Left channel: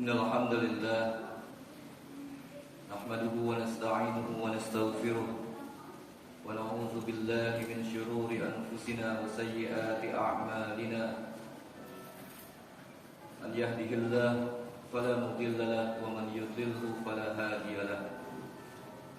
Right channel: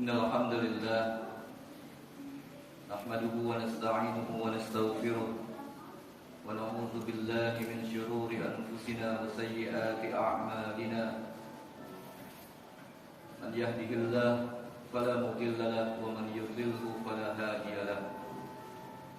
Innal hamdalillah nahmaduhu wa nasta'inuhu wa nastaghfiruh wa na'udzu billahi min shururi anfusina wa sayyiati a'malina. Man yahdihillahu fala mudilla lahu wa man yudlilhu fala hadiya lahu.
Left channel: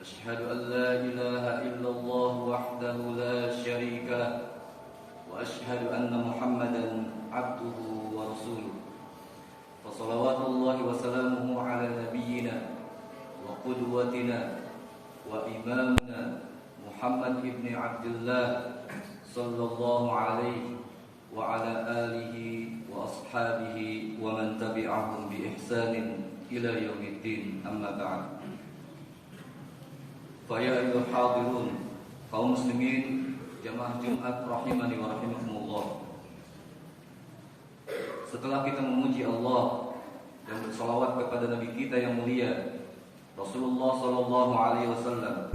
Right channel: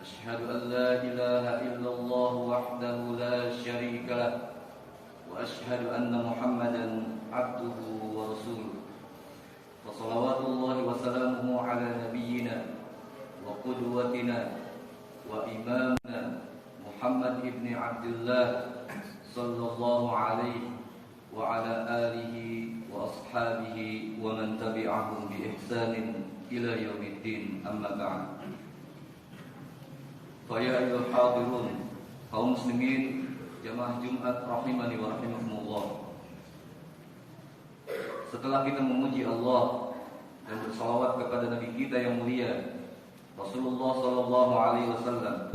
Asyhadu an la ilaha illallah wahdahu la syarika lahu wa asyhadu anna Muhammadan 'abduhu wa rasuluh. Wassalawatullahi wassalamuhu ala nabiyyina wa qudwatina wa imamina Muhammad ibn Abdullah sallallahu alaihi wa ala alihi wa ashabihi wa man tabi'ahum bi ihsanin ila yaumiddin, amma ba'd. Fa ya ayyuhal hadirun, kaum muslimin jamaah Jumat rahimani wa rahimakumullah. Setelah kita memuji Allah dan bersalawat kepada Nabi kita yang mulia Rasulullah sallallahu alaihi wasallam,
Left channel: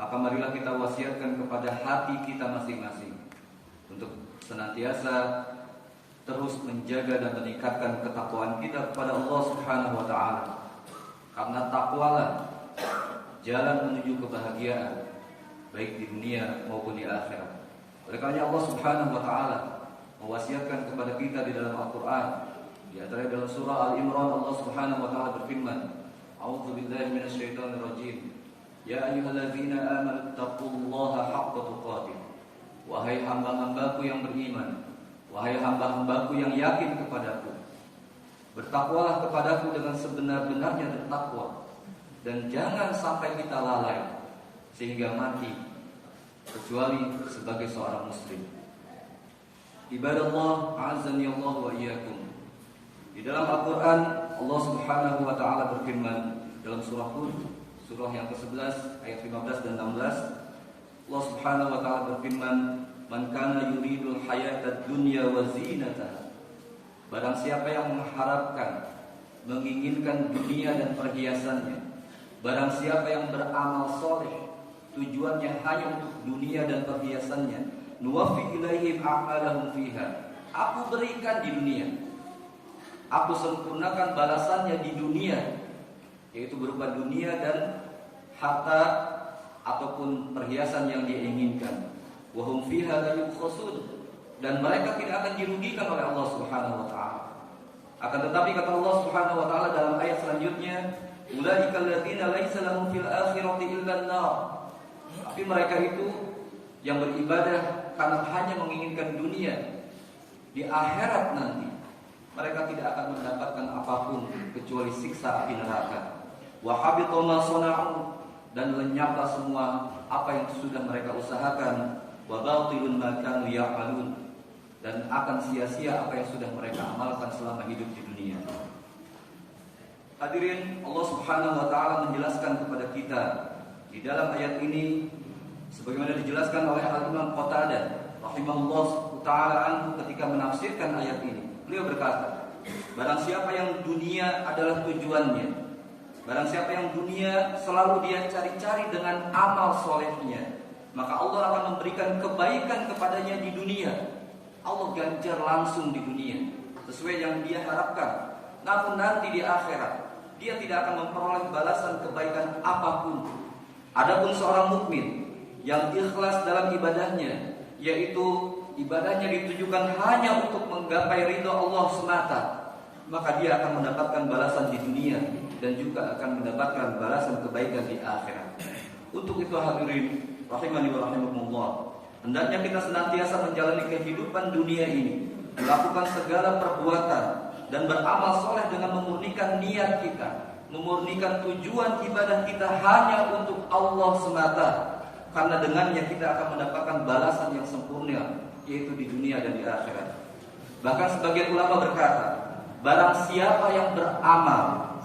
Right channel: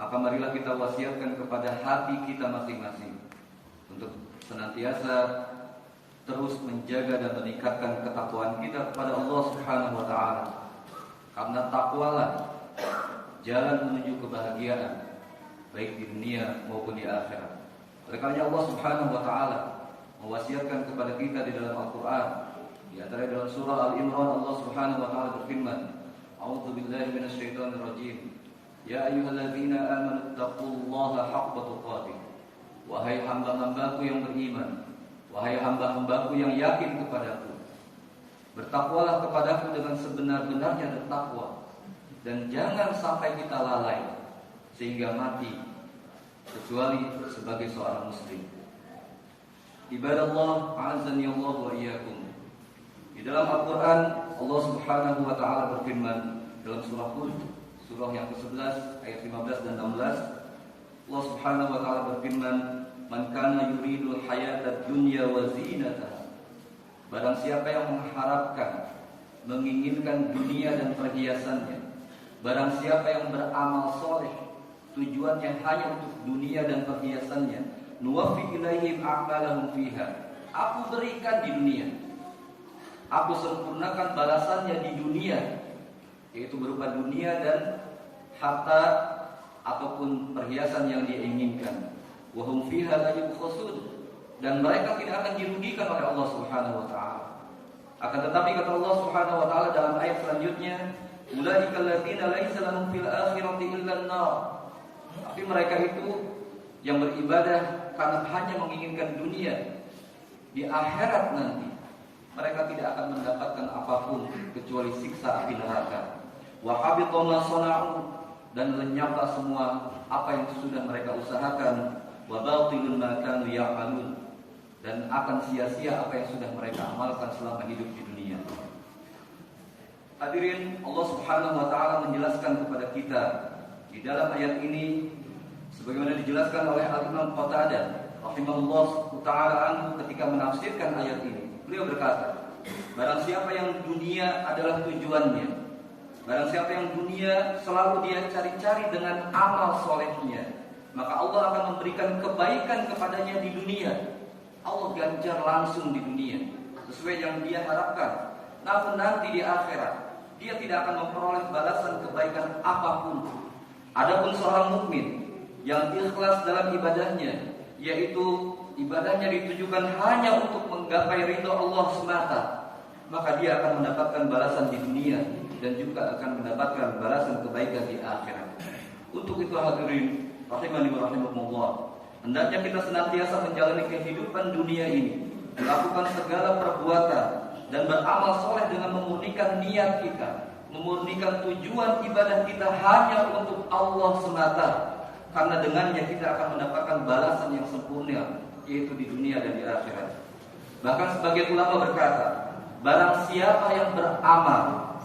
maka marilah kita wasiatkan kepada hati kita masing-masing untuk senantiasa terus menjaga dan meningkatkan ketakwaan kita kepada Allah Subhanahu wa taala. Karena takwalah jalan menuju kebahagiaan baik di dunia maupun di akhirat. Oleh karena Allah Subhanahu wa taala mewasiatkan kepada kita di dalam Al-Qur'an, di antara dalam surah Al-Imran Allah Subhanahu wa taala berfirman, A'udzu billahi minasyaitonir rajim. Ya ayyuhalladzina amanu taqullaha haqqa tuqatih. Wahai hamba-hambaku yang beriman, wahai hamba-hambaku yang yakin kepadaku, bertakwalah kepadaku dengan sebenar-benarnya bertakwa, dan jangan sampai kita lalai sehingga mati kecuali sebagai seorang muslim. Ibadallah, a'azzani Allah wa iyyakum. Di dalam Al-Qur'an Allah Subhanahu wa taala berfirman dalam surah Hud, surah yang ke-11 ayat 15 dan 16. Allah Subhanahu wa taala berfirman, "Man kana yuridul hayatad dunya wa zinataha." Barang siapa yang mengharapkan, menginginkan dunia dan perhiasannya, barang siapa yang beramal soleh, tujuannya hanya untuk dunia dan perhiasannya, nuwaffi ilaihim a'malahum fiha. Aku berikan di dunia, aku sempurnakan balasannya di dunia, yaitu berupa dunia dan harta ataupun perhiasan yang dia inginkan. Wa hum fiha la yubkhasun, dan mereka tidak akan dirugikan oleh Allah Subhanahu wa taala. Akan tetapi kata Allah Subhanahu wa taala dalam ayat selanjutnya, ulaika alladziina laisa lahum fil akhirati illa an-nar. Tapi mereka itu yang beribadah karena hanya menginginkan dunia, di akhirat nanti mereka tidak akan mendapatkan apapun kecuali siksa api neraka. Wa habita ma sana'u, dan lenyaplah semua apa yang sudah mereka usahakan. Wa batilun ma kanu ya'malun, dan akan sia-sia apa yang sudah mereka amalkan selama hidup di dunia. Hadirin, Allah Subhanahu wa taala menjelaskan kepada kita di dalam ayat ini sebagaimana dijelaskan oleh Al-Imam Qatadah rahimahullah ta'ala anhu ketika menafsirkan ayat ini. Beliau berkata, barang siapa yang dunia adalah tujuannya, barang siapa yang dunia selalu dia cari-cari dengan amal solehnya, maka Allah akan memberikan kebaikan kepadanya di dunia. Allah ganjar langsung di dunia sesuai yang dia harapkan. Namun nanti di akhirat dia tidak akan memperoleh balasan kebaikan apapun. Adapun seorang mukmin yang ikhlas dalam ibadahnya, yaitu ibadahnya ditujukan hanya untuk menggapai ridha Allah semata, maka dia akan mendapatkan balasan di dunia dan juga akan mendapatkan balasan kebaikan di akhirat. Untuk itu hadirin rahimani wa rahimakumullah, hendaknya kita senantiasa menjalani kehidupan dunia ini, melakukan segala perbuatan dan beramal soleh dengan memurnikan niat kita, memurnikan tujuan ibadah kita hanya untuk Allah semata. Karena dengannya kita akan mendapatkan balasan yang sempurna, yaitu di dunia dan di akhirat. Bahkan sebagian ulama berkata, barang siapa yang beramal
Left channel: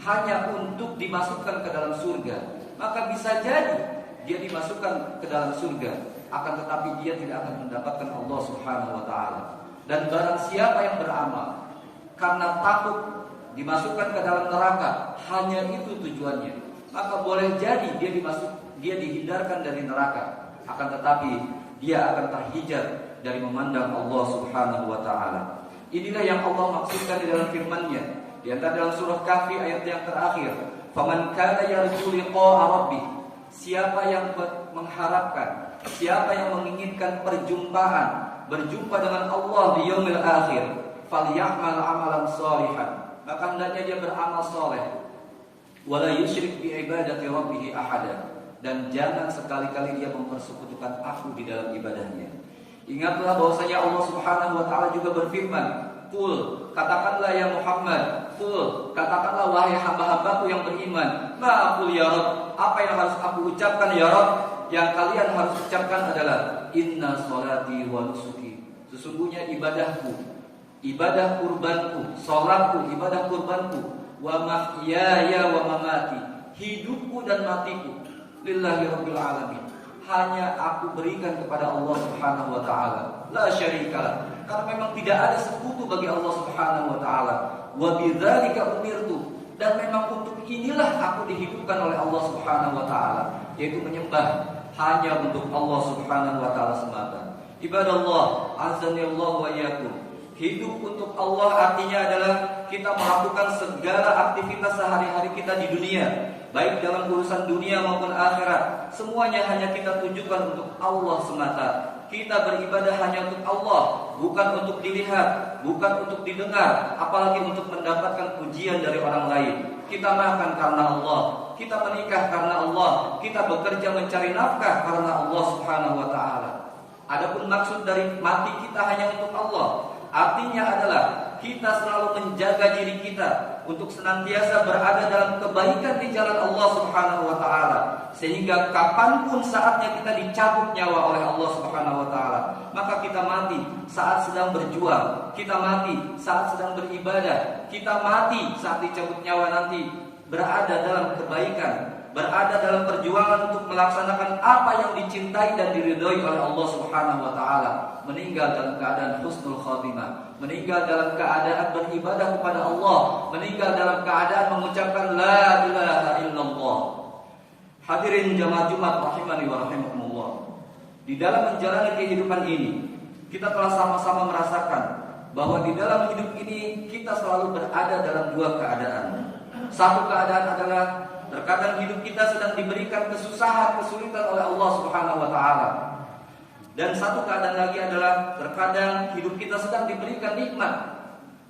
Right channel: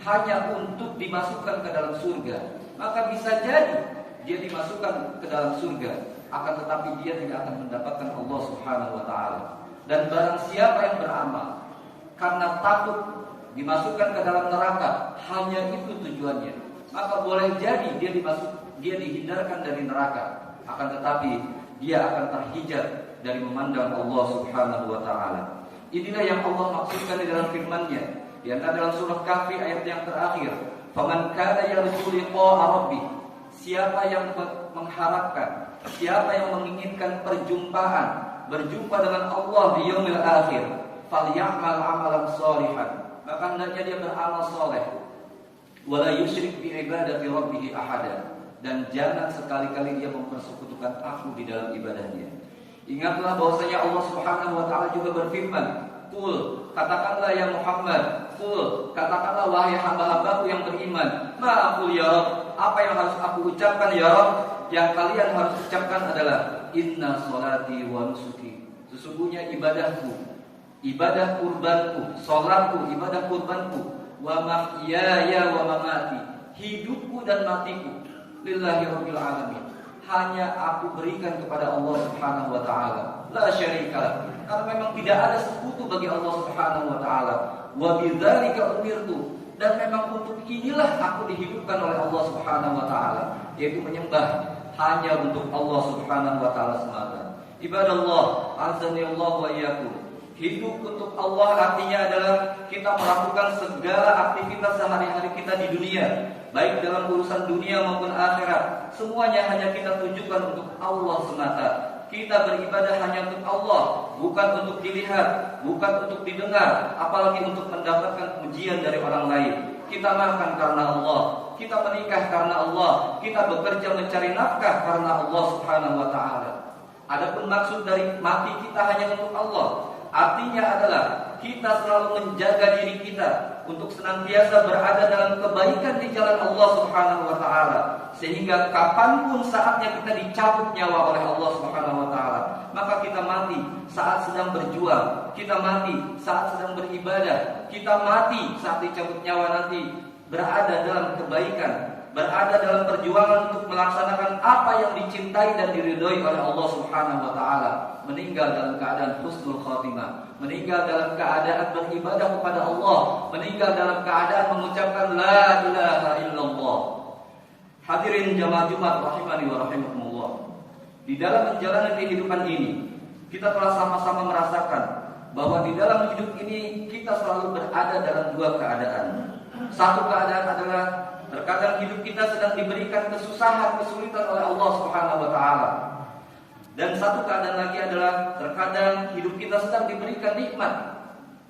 hanya untuk dimasukkan ke dalam surga, maka bisa jadi dia dimasukkan ke dalam surga, akan tetapi dia tidak akan mendapatkan Allah Subhanahu wa taala. Dan barang siapa yang beramal karena takut dimasukkan ke dalam neraka, hanya itu tujuannya, maka boleh jadi dia dihindarkan dari neraka, akan tetapi dia akan terhijab dari memandang Allah Subhanahu wa taala. Inilah yang Allah maksudkan di dalam firman-Nya. Di antara dalam surah Kahfi ayat yang terakhir, "Faman kana yarju liqa'a rabbih." Siapa yang mengharapkan, siapa yang menginginkan berjumpa dengan Allah di yaumil akhir, falyamal amalan shalihan. Maka hendaknya dia beramal saleh. Wala yusyrik bi ibadati rabbih ahada. Dan jangan sekali-kali dia mempersekutukan aku di dalam ibadahnya. Ingatlah bahwasanya Allah Subhanahu wa taala juga berfirman, "Qul," katakanlah ya Muhammad, "Qul," katakanlah wahai hamba-hambaku yang beriman, "Ma aqul ya Rabb," apa yang harus aku ucapkan ya Rabb? Yang kalian harus ucapkan adalah inna sholati wa nusuki. Sesungguhnya ibadahku, ibadah kurbanku, salatku, ibadah kurbanku, wa mahyaya wa mamati, hidupku dan matiku, lillahi rabbil alamin, hanya aku berikan kepada Allah Subhanahu wa taala, la syarikalah, karena memang tidak ada sekutu bagi Allah Subhanahu wa taala. Wa bidzalika umirtu, dan memang untuk inilah aku dihidupkan oleh Allah Subhanahu wa taala, yaitu menyembah hanya untuk Allah Subhanahu wa taala semata. Ibadallah, azanillahu wa iyyakum. Hidup untuk Allah artinya adalah kita melakukan segala aktivitas sehari-hari kita di dunia, baik dalam urusan dunia maupun akhirat. Semuanya hanya kita tujukan untuk Allah semata. Kita beribadah hanya untuk Allah, bukan untuk dilihat, bukan untuk didengar, apalagi untuk mendapatkan pujian dari orang lain. Kita makan karena Allah, kita menikah karena Allah, kita bekerja mencari nafkah karena Allah Subhanahu wa taala. Adapun maksud dari mati kita hanya untuk Allah. Artinya adalah kita selalu menjaga diri kita untuk senantiasa berada dalam kebaikan di jalan Allah Subhanahu wa taala, sehingga kapanpun saatnya kita dicabut nyawa oleh Allah Subhanahu wa taala, maka kita mati saat sedang berjuang, kita mati saat sedang beribadah, kita mati saat dicabut nyawa nanti berada dalam kebaikan, berada dalam perjuangan untuk melaksanakan apa yang dicintai dan diridhoi oleh Allah Subhanahu wa taala, meninggal dalam keadaan husnul khatimah, meninggal dalam keadaan beribadah kepada Allah, meninggal dalam keadaan mengucapkan la ilaha illallah. Hadirin jamaah Jumat rahimani wa rahimakumullah. Di dalam menjalani kehidupan ini, kita telah sama-sama merasakan bahwa di dalam hidup ini kita selalu berada dalam dua keadaan. Satu keadaan adalah terkadang hidup kita sedang diberikan kesusahan, kesulitan oleh Allah Subhanahu wa taala. Dan satu keadaan lagi adalah terkadang hidup kita sedang diberikan nikmat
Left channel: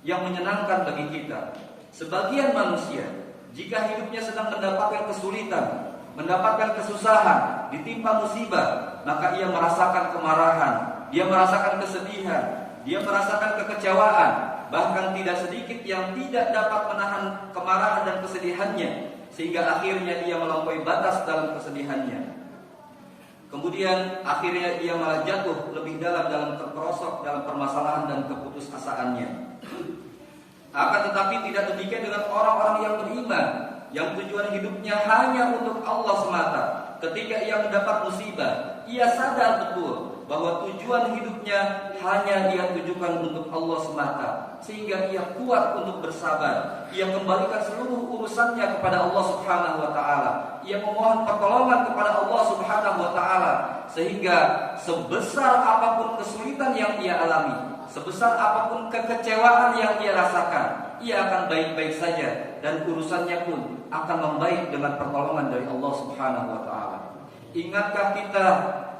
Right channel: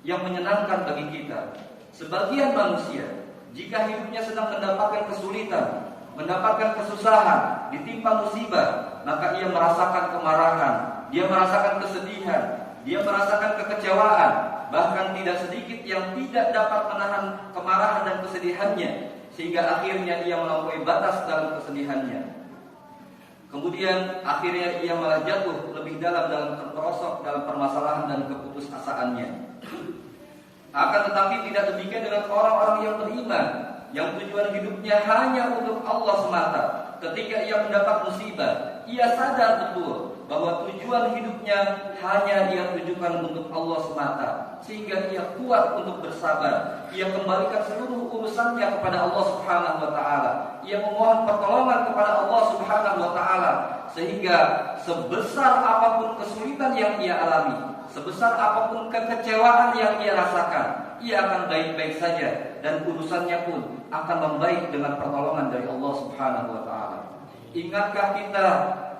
yang menyenangkan bagi kita. Sebagian manusia, jika hidupnya sedang mendapatkan kesulitan, mendapatkan kesusahan, ditimpa musibah, maka ia merasakan kemarahan, dia merasakan kesedihan, dia merasakan kekecewaan, bahkan tidak sedikit yang tidak dapat menahan kemarahan dan kesedihannya, sehingga akhirnya ia melampaui batas dalam kesedihannya. Kemudian akhirnya ia malah jatuh lebih dalam terperosok dalam permasalahan dan keputusasaannya. Akan tetapi tidak demikian dengan orang-orang yang beriman, yang tujuan hidupnya hanya untuk Allah semata. Ketika ia mendapat musibah, ia sadar betul bahwa tujuan hidupnya hanya ia tujukan untuk Allah semata, sehingga ia kuat untuk bersabar. Ia kembalikan seluruh urusannya kepada Allah Subhanahu wa taala. Ia memohon pertolongan kepada Allah Subhanahu wa taala, sehingga sebesar apapun kesulitan yang ia alami, sebesar apapun kekecewaan yang ia rasakan, ia akan baik-baik saja, dan urusannya pun akan membaik dengan pertolongan dari Allah Subhanahu wa taala. Ingatkah kita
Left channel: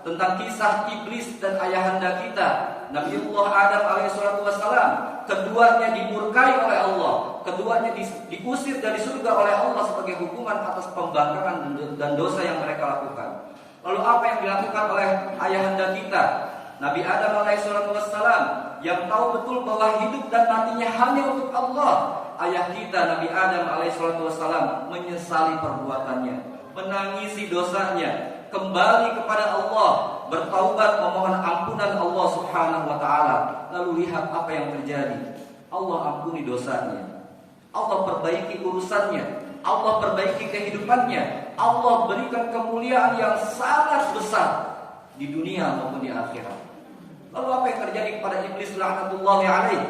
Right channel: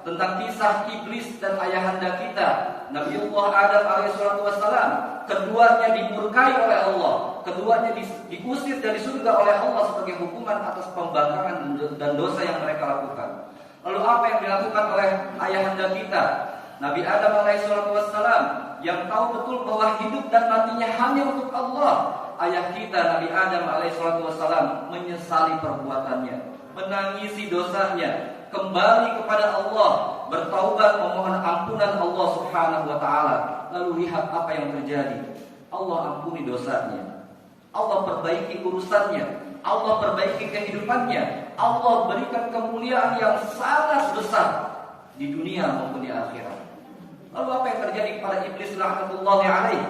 tentang kisah iblis dan ayahanda kita, Nabiullah Adam alaihissalatu wassalam? Keduanya dimurkai oleh Allah, keduanya diusir dari surga oleh Allah sebagai hukuman atas pembangkangan dan dosa yang mereka lakukan. Lalu apa yang dilakukan oleh ayahanda kita, Nabi Adam alaihissalatu wassalam, yang tahu betul bahwa hidup dan matinya hanya untuk Allah? Ayah kita Nabi Adam alaihissalatu wassalam menyesali perbuatannya, menangisi dosanya, kembali kepada Allah, bertaubat, memohon ampunan Allah Subhanahu wa taala. Lalu lihat apa yang terjadi. Allah ampuni dosanya, Allah perbaiki urusannya, Allah perbaiki kehidupannya, Allah berikan kemuliaan yang sangat besar di dunia maupun di akhirat. Lalu apa yang terjadi kepada iblis laknatullahi alaih?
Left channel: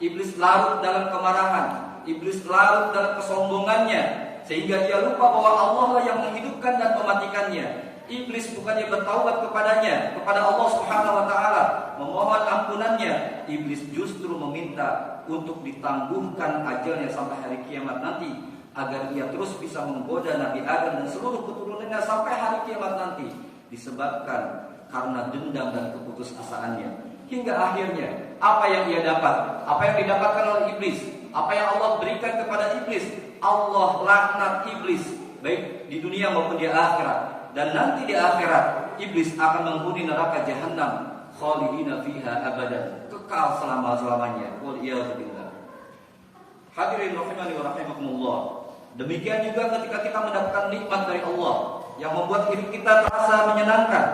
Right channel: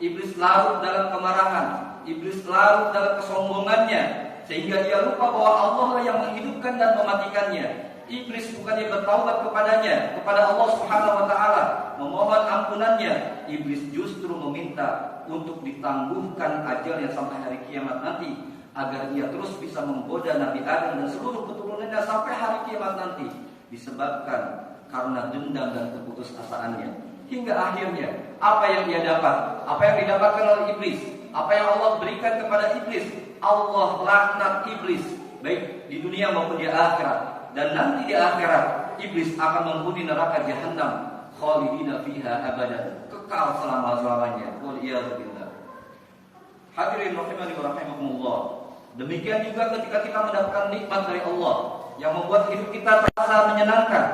Iblis larut dalam kemarahan, iblis larut dalam kesombongannya, sehingga ia lupa bahwa Allah lah yang menghidupkan dan mematikannya. Iblis bukannya bertaubat kepadanya, kepada Allah Subhanahu wa taala, memohon ampunannya. Iblis justru meminta untuk ditangguhkan ajalnya sampai hari kiamat nanti, agar ia terus bisa menggoda Nabi Adam dan seluruh keturunannya sampai hari kiamat nanti, disebabkan karena dendam dan keputusasaannya. Hingga akhirnya apa yang ia dapat, apa yang didapatkan oleh iblis, apa yang Allah berikan kepada iblis, Allah laknat iblis baik di dunia maupun di akhirat. Dan nanti di akhirat iblis akan menghuni neraka jahanam, khalidina fiha abadan, kekal selama-lamanya. Wal iyad billah. Hadirin rahimani wa rahimakumullah. Demikian juga ketika kita mendapatkan nikmat dari Allah yang membuat hidup kita terasa menyenangkan,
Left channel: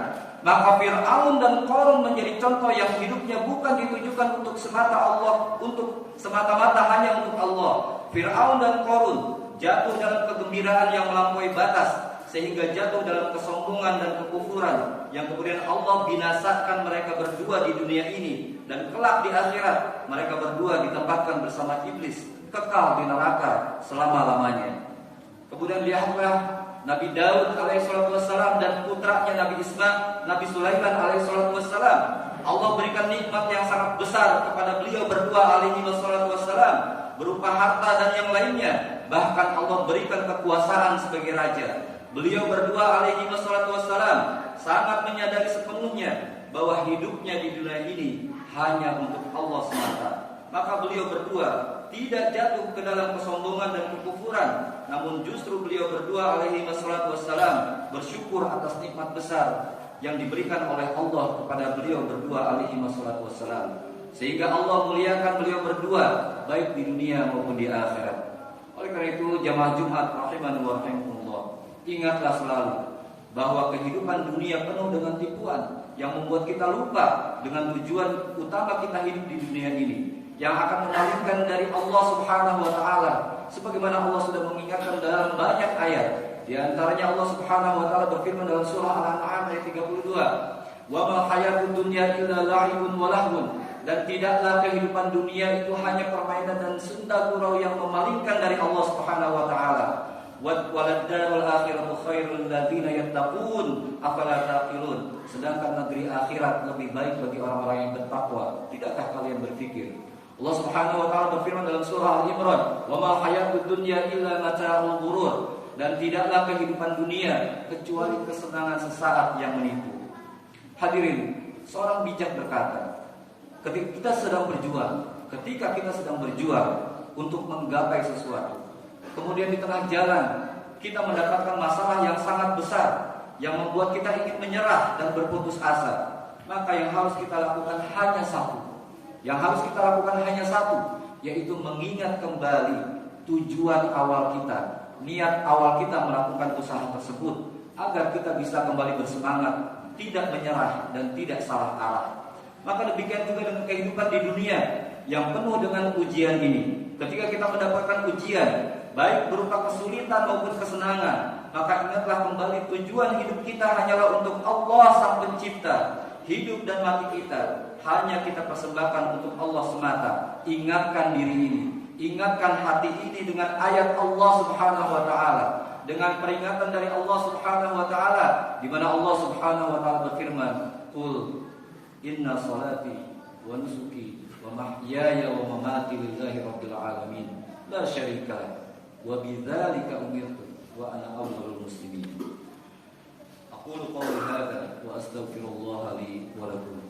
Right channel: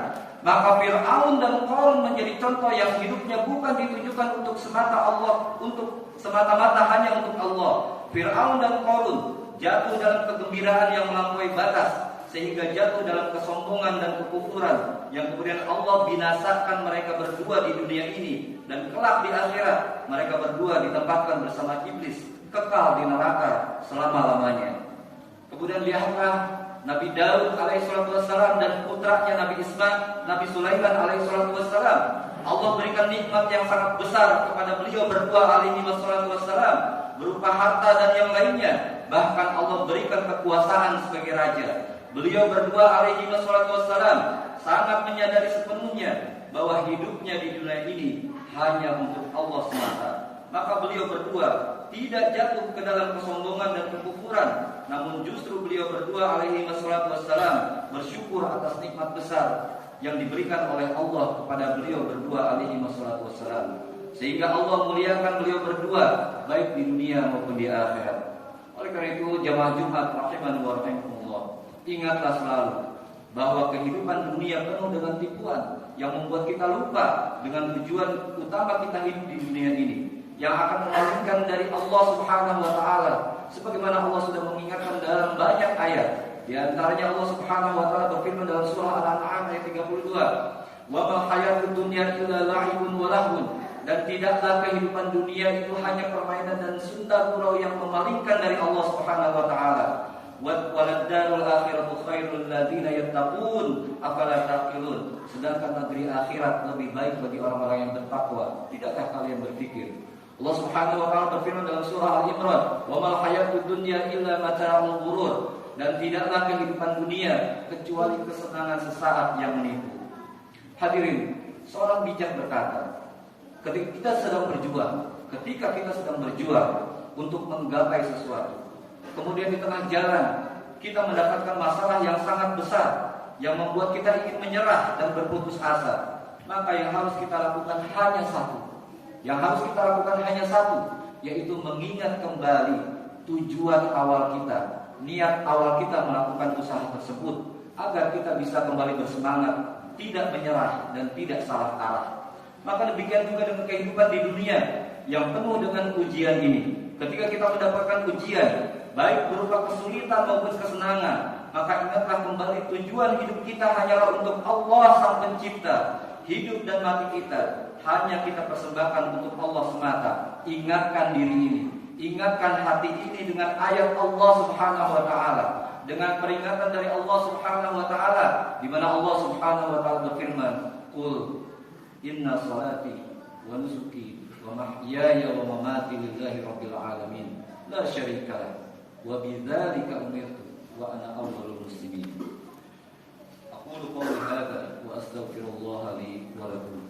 maka Fir'aun dan Qarun menjadi contoh yang hidupnya bukan ditujukan untuk semata Allah, untuk semata-mata hanya untuk Allah. Fir'aun dan Qarun jatuh dalam kegembiraan yang melampaui batas, sehingga jatuh dalam kesombongan dan kekufuran, yang kemudian Allah binasakan mereka berdua di dunia ini, dan kelak di akhirat mereka berdua ditempatkan bersama iblis, kekal di neraka selama-lamanya. Kemudian lihatlah Nabi Daud alaihissalam dan putranya Nabi Nabi Sulaiman alaihissalam. Allah berikan nikmat yang sangat besar kepada beliau berdua alaihissalam, berupa harta dan yang lainnya. Bahkan Allah berikan kekuasaan sebagai raja. Beliau berdua alaihissalam sangat menyadari sepenuhnya bahwa hidupnya di dunia ini hanya untuk Allah semata. Maka beliau berdua tidak jatuh ke dalam kesombongan dan kekufuran, namun justru beliau berdua alaihissalam bersyukur atas nikmat besar yang diberikan oleh Allah kepada beliau berdua alaihissalam, sehingga Allah muliakan beliau berdua baik di dunia maupun di akhirat. Oleh karena itu jamaah Jumat rahimani wa rahimakumullah, ingatlah selalu bahwa kehidupan dunia penuh dengan tipuan yang membuat kita lupa dengan tujuan utama kita hidup di dunia ini, yang akan memalingkan dari Allah Subhanahu wa taala, sebagaimana Allah sudah mengingatkan dalam banyak ayat. Di antaranya Allah Subhanahu wa taala berfirman dalam surah Al-An'am ayat 32, "Wa ma hayatud dunya illa la'ibun wa lahwun." Dan tidaklah kehidupan dunia itu hanya permainan dan senda gurau yang memalingkan dari Allah Subhanahu wa taala. Waladdarul akhiratu khairul ladzina yattaqun afala taqilun. Sedangkan negeri akhirat lebih baik bagi orang-orang yang bertakwa. Tidakkah kalian berpikir? Allah Subhanahu wa taala berfirman dalam surah Al-Imran, "Wa ma hayatud dunya illa mata'ul ghurur." Dan tidaklah kehidupan dunia kecuali kesenangan sesaat yang menipu. Hadirin, seorang bijak berkata, ketika kita sedang berjuang untuk menggapai sesuatu, kemudian di tengah jalan kita mendapatkan masalah yang sangat besar yang membuat kita ingin menyerah dan berputus asa, maka yang harus kita lakukan hanya satu. Yang harus kita lakukan hanya satu, yaitu mengingat kembali tujuan awal kita, niat awal kita melakukan usaha tersebut, agar kita bisa kembali bersemangat, tidak menyerah dan tidak salah arah. Maka demikian juga dengan kehidupan di dunia yang penuh dengan ujian ini. Ketika kita mendapatkan ujian, baik berupa kesulitan maupun kesenangan, maka ingatlah kembali tujuan hidup kita hanyalah untuk Allah Sang Pencipta. Hidup dan mati kita hanya kita persembahkan untuk Allah semata. Ingatkan diri ini, ingatkan hati ini dengan ayat Allah Subhanahu wa taala, dengan peringatan dari Allah Subhanahu wa taala, di mana Allah Subhanahu wa taala berfirman, "Qul inna salati wa nusuki wa mahyaya wa mamati lillahi rabbil alamin la syarika lah wa bidzalika umirtu wa ana awwalul muslimin." Aqulu qawli hadza wa astaghfirullah li wa lakum.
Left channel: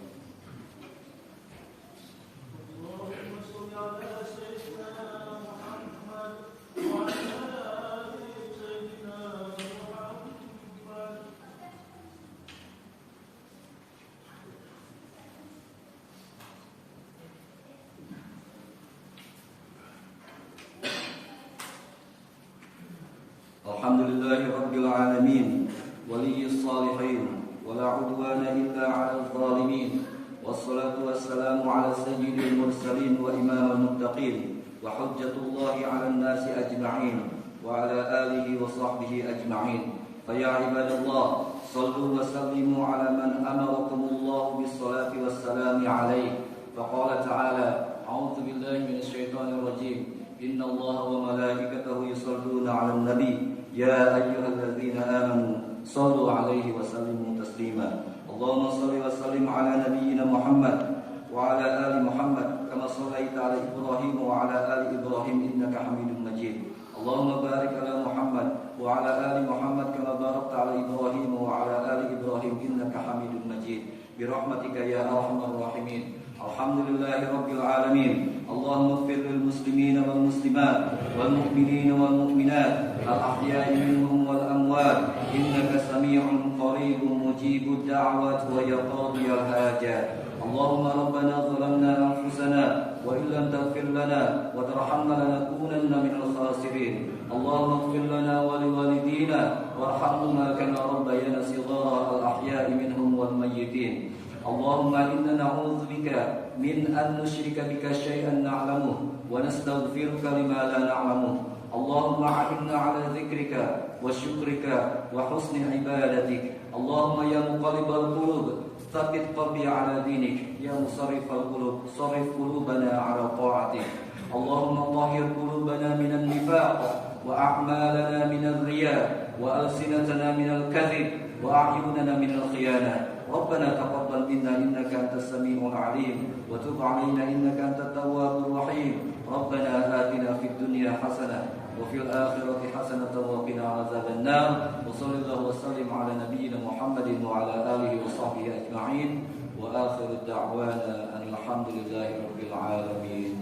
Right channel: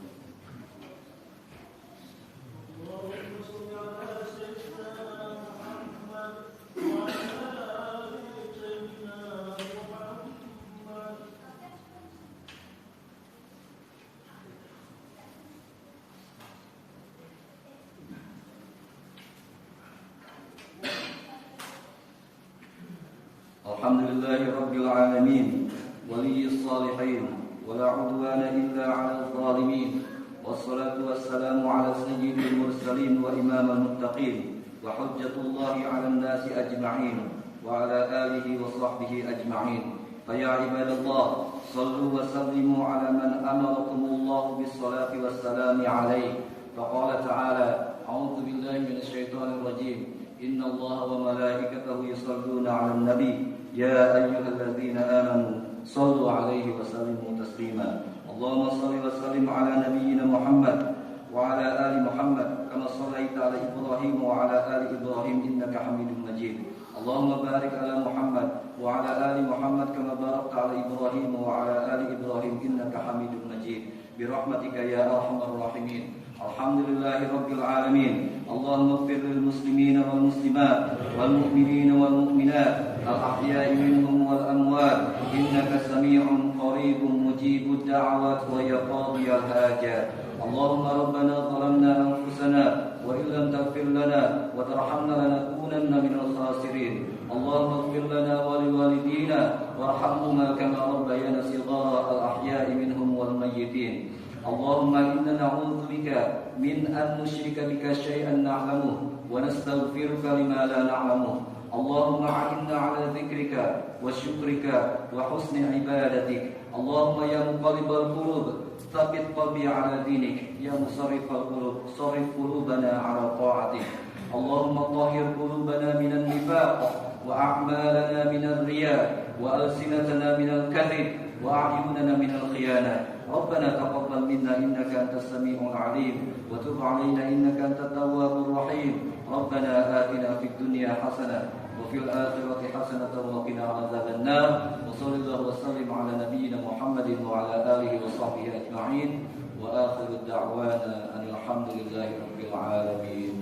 Alhamdulillahi rabbil alamin, waliyis salihin, wala udwana illa 'alal zalimin. Wassalatu wassalamu 'ala sayyidil mursalin wa imamil muttaqin wa hujjatullahi 'alan nasi ajma'in wa 'ala alihi wa sahbihi ajma'in. Fa ya ibadallah, sallu wa sallimu 'ala man amarakumullah bis salati wassalamu 'alaihi. Fa qala ta'ala, a'udzu billahi minasy syaithanir rajim. Innallaha wa malaikatahu yusholluna 'alan nabi. Ya ayyuhalladzina amanu sallu 'alaihi wa sallimu تسليما اللهم صل وسلم على نبينا محمد وعلى آل محمد كما صليت على إبراهيم وعلى آل إبراهيم إنك حميد مجيد اللهم بارك على محمد وعلى آل محمد كما باركت على إبراهيم وعلى آل إبراهيم إنك حميد مجيد برحمتك يا أرحم الراحمين الحمد لله رب العالمين اللهم اغفر للمسلمين والمسلمات والمؤمنين والمؤمنات الأحياء منهم والأموات إنك سميع قريب مجيب الدعوات ويقاضي الحاجات اللهم ربنا ظلمنا أنفسنا وإن لم تغفر لنا وترحمنا لنكونن من الخاسرين اللهم اغفر لنا ولوالدينا وارحمهما كما ربيانا صغارا الأحياء منهم والميتين اللهم إنا نعوذ بك من أن نشرك بك شيئا نعلمه ونستغفرك لما لا نعلمه اللهم أعنا على ذكرك وشكرك وحسن عبادتك اللهم يا مقلب القلوب ثبت قلبي على دينك يا مصرف القلوب صرف قلوبنا على طاعتك اللهم طهر قلوبنا من النفاق وأعمالنا من الرياء وألسنتنا من الكذب وأعيننا من الخيانة ربنا تقبل منا إنك أنت السميع العليم وتب علينا إنك أنت التواب الرحيم ربنا آتنا في الدنيا حسنة وفي الآخرة حسنة وقنا عذاب النار وصلى الله وسلم على نبينا محمد وعلى آله وصحبه أجمعين وآخر الدعوانا أن الحمد لله رب العالمين.